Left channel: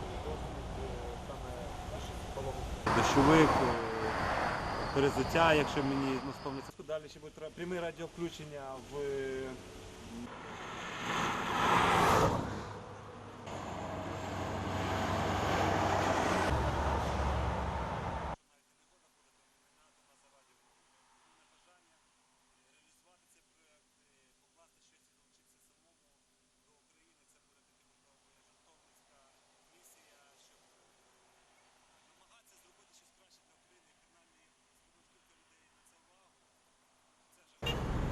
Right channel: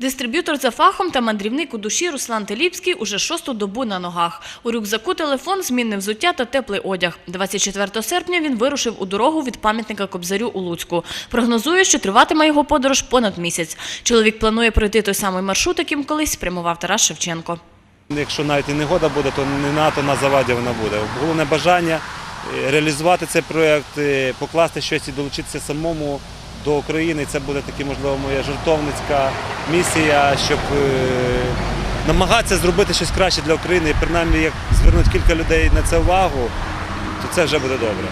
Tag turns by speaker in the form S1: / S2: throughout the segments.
S1: Дистриб'ютор за фахом та мандрівник у душі Руслан Теліпський уже шосту добу на ногах. У рюкзаку телефон, змінне взуття та теплий одяг. 24 серпня він вирушив у дорогу від пам'ятника Кобзарю у Луцьку. Прогнозує, що триватиме його подорож понад місяць. Чоловік планує пройти той самий маршрут, яким колись спрямував Тарас Шевченко.
S2: Якщо навіть і негода буде, то не НАТО на заваді вона буде. Головне бажання е, реалізувати цей проєкт, е, покласти щось і долучитися самому до України. Це буде таки, можливо, моя жертовницька місія, щоб е, намагатися зробити щось краще для України. І принаймні, як звернуть кілька людей на це увагу, то це вже буде добре.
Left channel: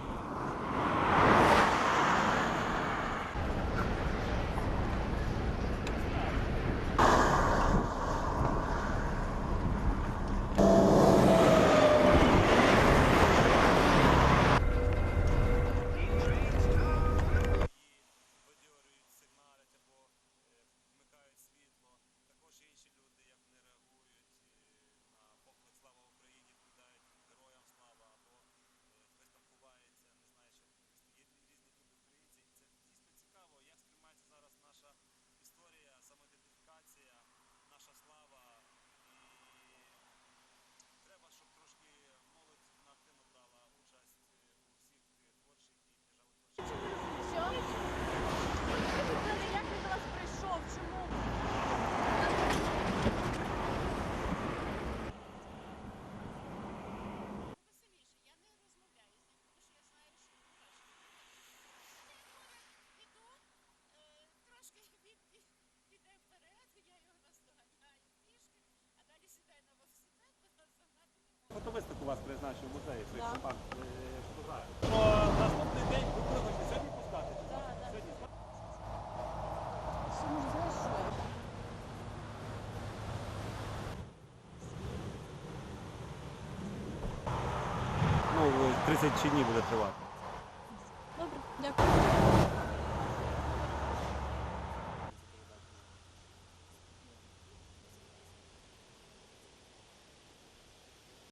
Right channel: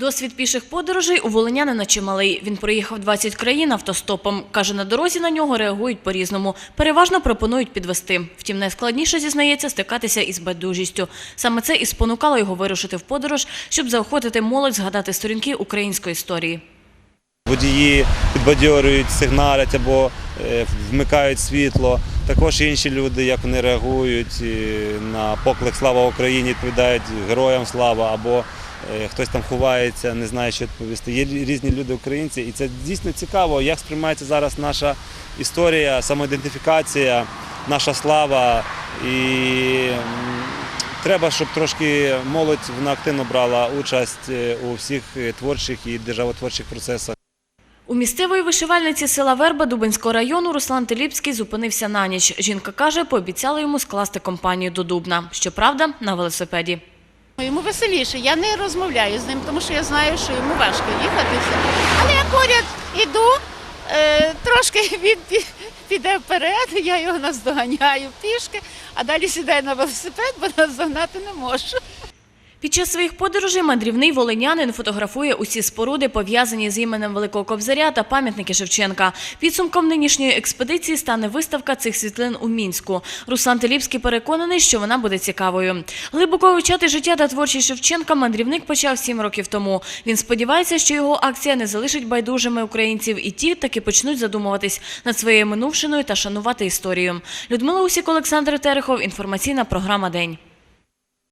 S1: Досвід піших подорожей у волинянина чималий. Він проїхав 20 країн автостопом. Каже, на дорозі на нього реагують по-різному. Переважно пропонують підвести. Втім, найскладніше, зізнається, стикатися із байдужістю. Саме це і спонукало його вирушити в подорож, щоб заохотити молодь згадати сторінки української історії.
S2: Водії підбадьорюють, сигналять або е, вмикають світло. Також інші люди, як вони реагують на поклик Слава Україні, відповідають героям слава або е, хтось там ховається, не знає, що відповісти. Є різні люди українці, і це дійсно цікаво, як сприймається зараз наша історія, самоідентифікація, наша слава. І треба, щоб трошки молодь вона активно брала участь е, у всіх творчих і державотворчих процесах.
S1: У місцевої вишивальниці села Верба Дубинського району Руслан Теліпський зупинився на ніч. Жінка каже, пообіцяла йому скласти компанію до Дубна. Щоправда, на велосипеді.
S3: Йому веселіше. Я не розмовляю з ним, тому що я знаю, що йому важко їхатися. Але я поряд іду, е, трошки він піде вперед, я його наздоганяю пішки, а далі сідаю на велосипед, бо наздогнати не можу.
S1: Під час своїх подорожей мандрівний волинянин фотографує усі споруди, пов'язані з іменем Великого Кобзаря та пам'ятники Шевченка. Підсумком нинішньої експедиції стане виставка цих світлин у Мінську. Руслан Теліпський переконаний, що вона буде цікавою. Глибоко вивчати життя та творчість Шевченка мандрівник почав сім років тому. Він сподівається, що його акція не залишить байдужими українців, і ті таки почнуть задумуватись над своєю минувшиною та шанувати історію. Людмила Усік, Олександр Терехов. Інформаційна програма День.